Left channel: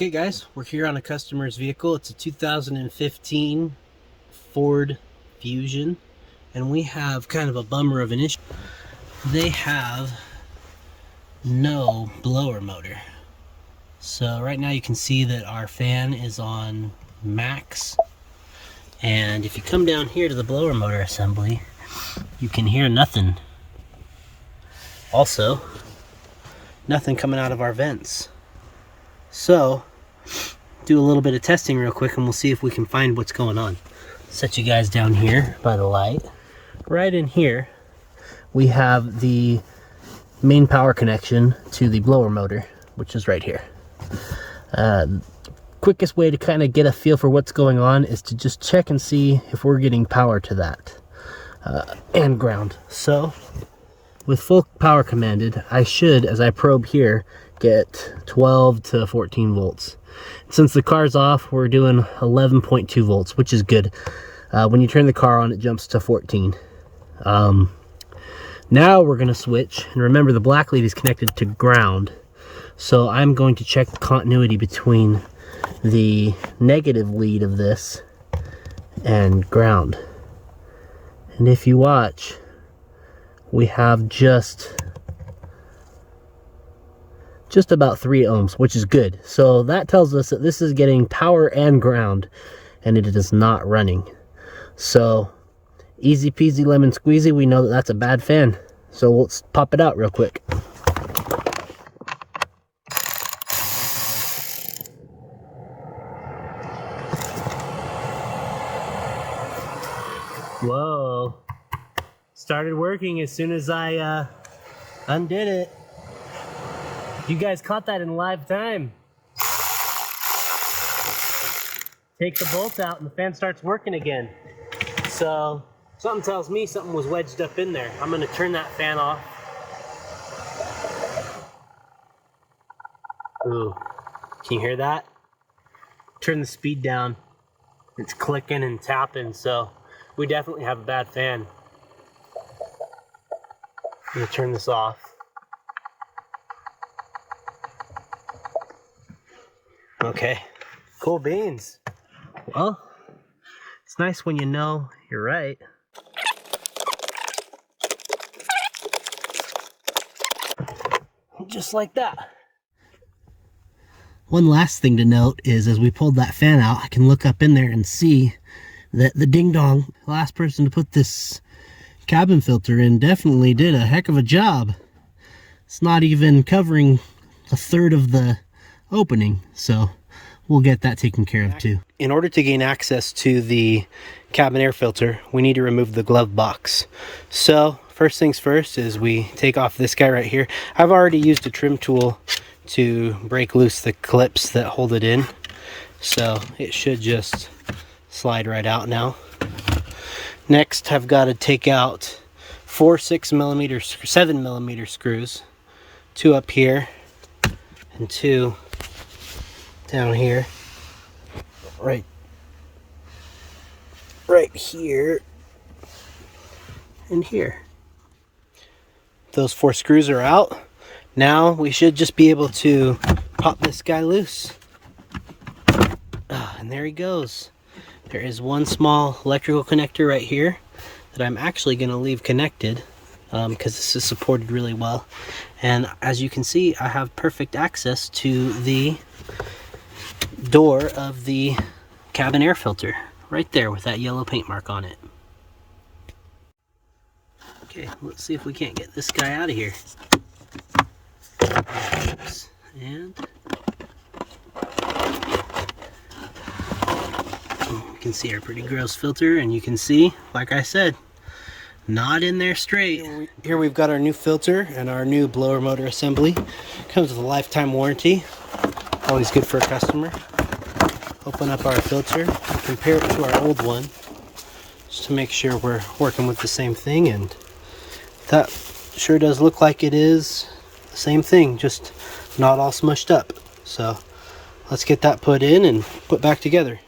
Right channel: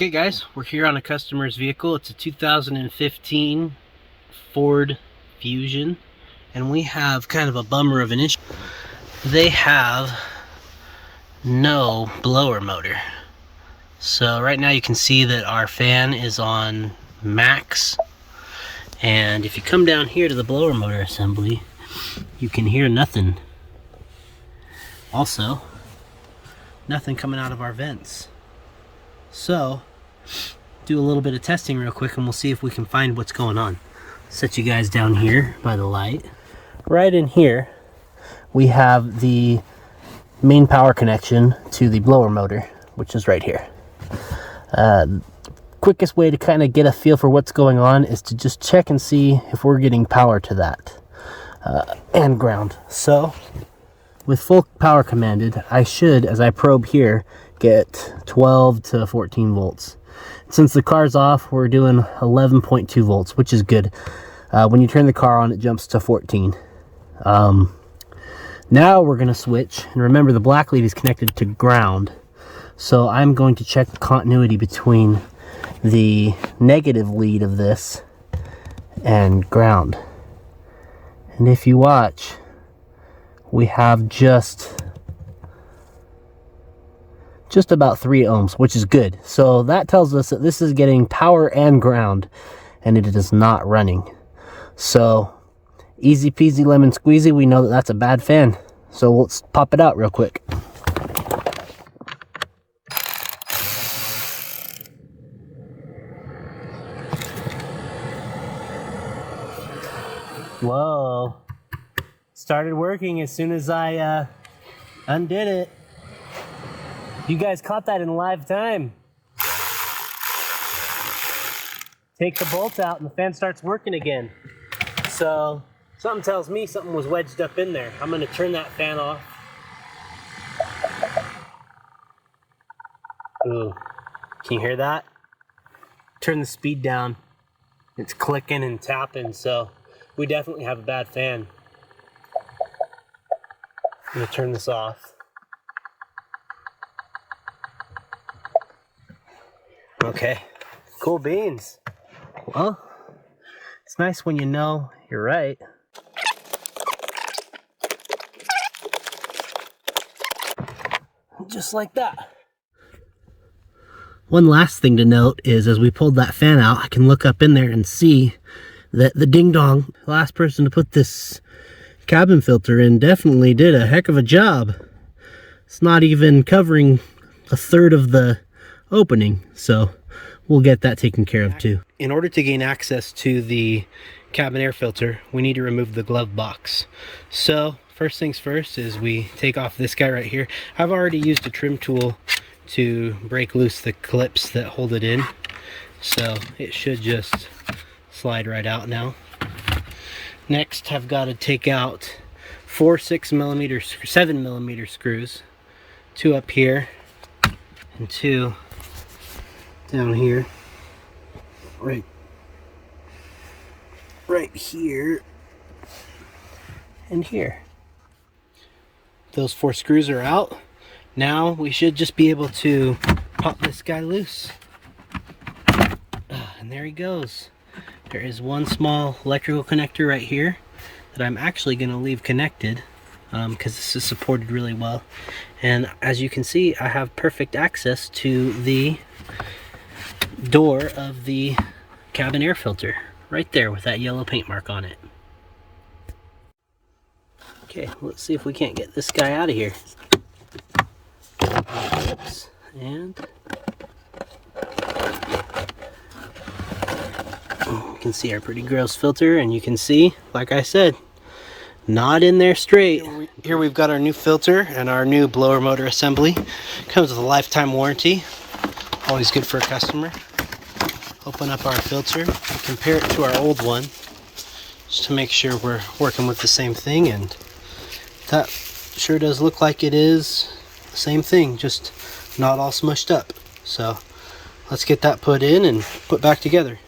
Okay guys, we're here on a customer's vehicle. It's a 2015 Ford Fusion, and we have kind of a bummer of an issue. They have no blower motor. So right now you can see that our fan is on max, and if you come down here to the blower motor assembly, you can hear nothing. Also, nothing coming out of our vents. So, do a little bit of testing real quick and we'll see if we can find what's going on. Set you guys down here by the light. Right in here, we have the main power connection to the blower motor, which is right here. Quickest way to kind of get a feel for what's going on is to just check and see if we're getting power to that and ground. So, with full power commanded, I should, as I probe here, get 12 to 14 volts. Since the car's off, we're doing 11.2 volts, which is good. When you turn the car on, it jumps to 14. Now we're going to switch, and remember the black lead is connected to ground. So I'm going to check the continuity between the negative lead of this and ground. And if you watch, we have just about 3 ohms, which is good. So that tells us that this is getting power and ground, and it is not running. So easy peasy lemon squeezy, we know that that's a bad fan. So let's pop it out real quick. Whoa. Started working as soon as I undid it. You guys caught that in live time. Take the bolt out and the fan starts working again. So something tells me something was wedged up in there. I'm going to turn that fan off. Ooh, can you hear that? Turn the speed down. It's clicking and tapping, so we definitely have a bad fan. I'm going to turn this off. Okay, cool beans. Well, it's nice when you know you're right. Just like that. One last thing to note is as we pulled that fan out, I can look up in there and see that the ding dong, the last person to put this cabin filter in, definitely did a heck of a job. It's not even covering a third of the opening, so we'll get that taken care of too. In order to gain access to the cabin air filter, we need to remove the glove box. So first things first is we take off this guy right here. I've already used a trim tool to break loose the clips that hold it in, so it should just slide right out now. Next, I've got to take out 4 7mm screws, 2 up here and 2 down here, right here and here. Those 4 screws are out. Now we should just be able to pop this guy loose. And there he goes. There is one small electrical connector right here that I'm actually going to leave connected because this is supported really well. And as you can see, I have perfect access to the door of the cabin air filter right there with that yellow paint mark on it. Okay, let's see if we can't get this guy out of here. And you can see our pretty gross filter, and you can see, like I said, not in there straight. Here we've got our new filter and our new blower motor assembly. Comes with a lifetime warranty. Always good for a customer. Open up our filter and compare it to our old one just to make sure we're working with the same thing, and that sure does look like it is the same thing, just not all smushed up. So let's get that put in and put back together.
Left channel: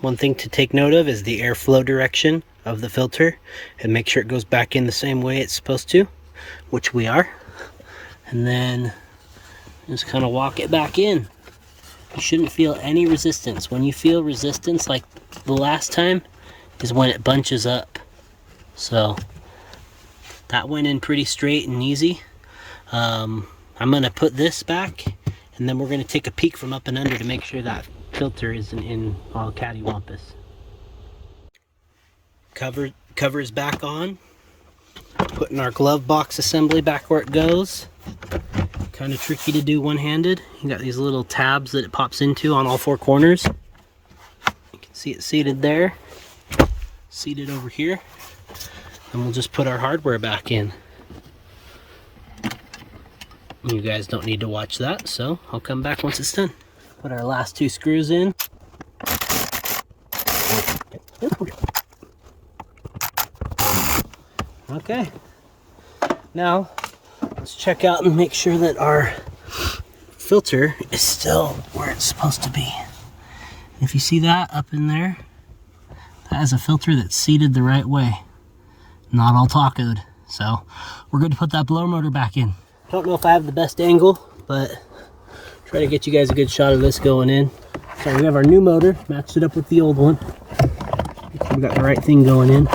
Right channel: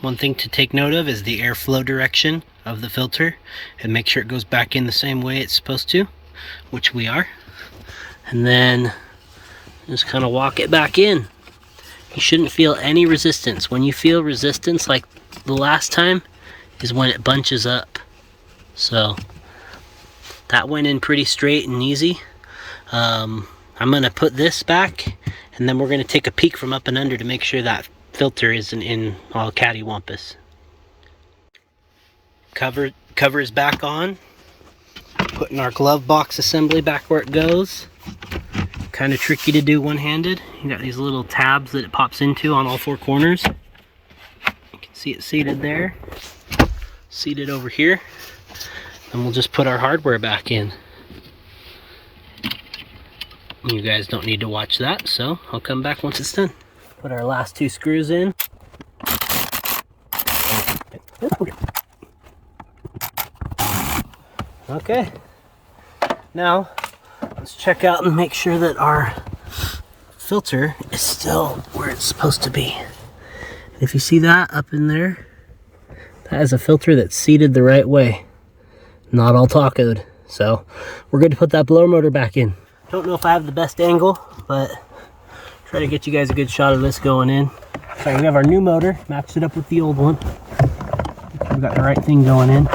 One thing to take note of is the airflow direction of the filter, and make sure it goes back in the same way it's supposed to, which we are. And then Just kind of walk it back in. You shouldn't feel any resistance. When you feel resistance like the last time is when it bunches up. So that went in pretty straight and easy. I'm gonna put this back, and then we're gonna take a peek from up and under to make sure that filter isn't in all cattywampus. Cover is back on. Putting our glove box assembly back where it goes. Kind of tricky to do one-handed. You got these little tabs that it pops into on all four corners. You can see it seated there. Seated over here. And we'll just put our hardware back in. You guys don't need to watch that, so I'll come back once it's done. Put our last two screws in. Okay. Now, let's check out and make sure that our filter is still where it's supposed to be. And if you see that up in there, that is a filter that's seated the right way. Not all tacoed. So we're good to put that blower motor back in. Don't know if I have the best angle, but try to get you guys a good shot of this going in. So we have our new motor, matched it up with the old one. We got the right thing going in.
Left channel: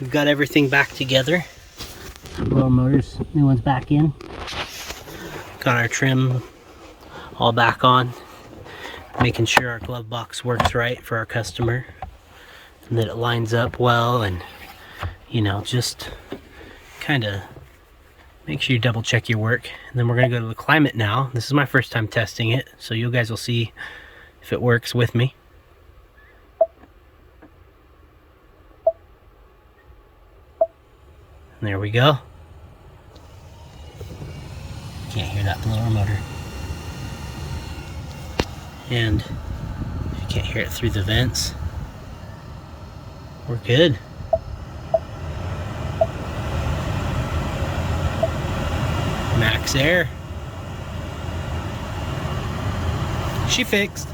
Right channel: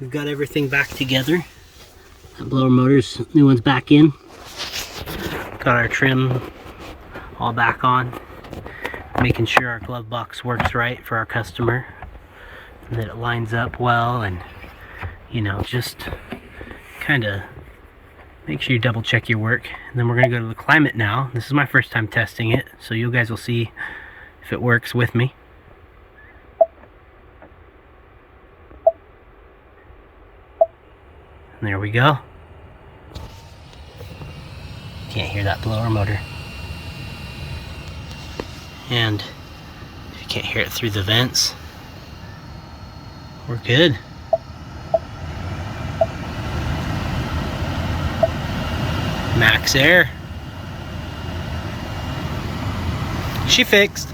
We've got everything back together. Blower motors, new one's back in. Got our trim all back on. Making sure our glove box works right for our customer. And that it lines up well, and you know, just kind of make sure you double check your work. And then we're gonna go to the climate now. This is my first time testing it, so you guys will see if it works with me. And there we go. You can't hear that blower motor. And if you can't hear it through the vents, we're good. Max air. She fixed.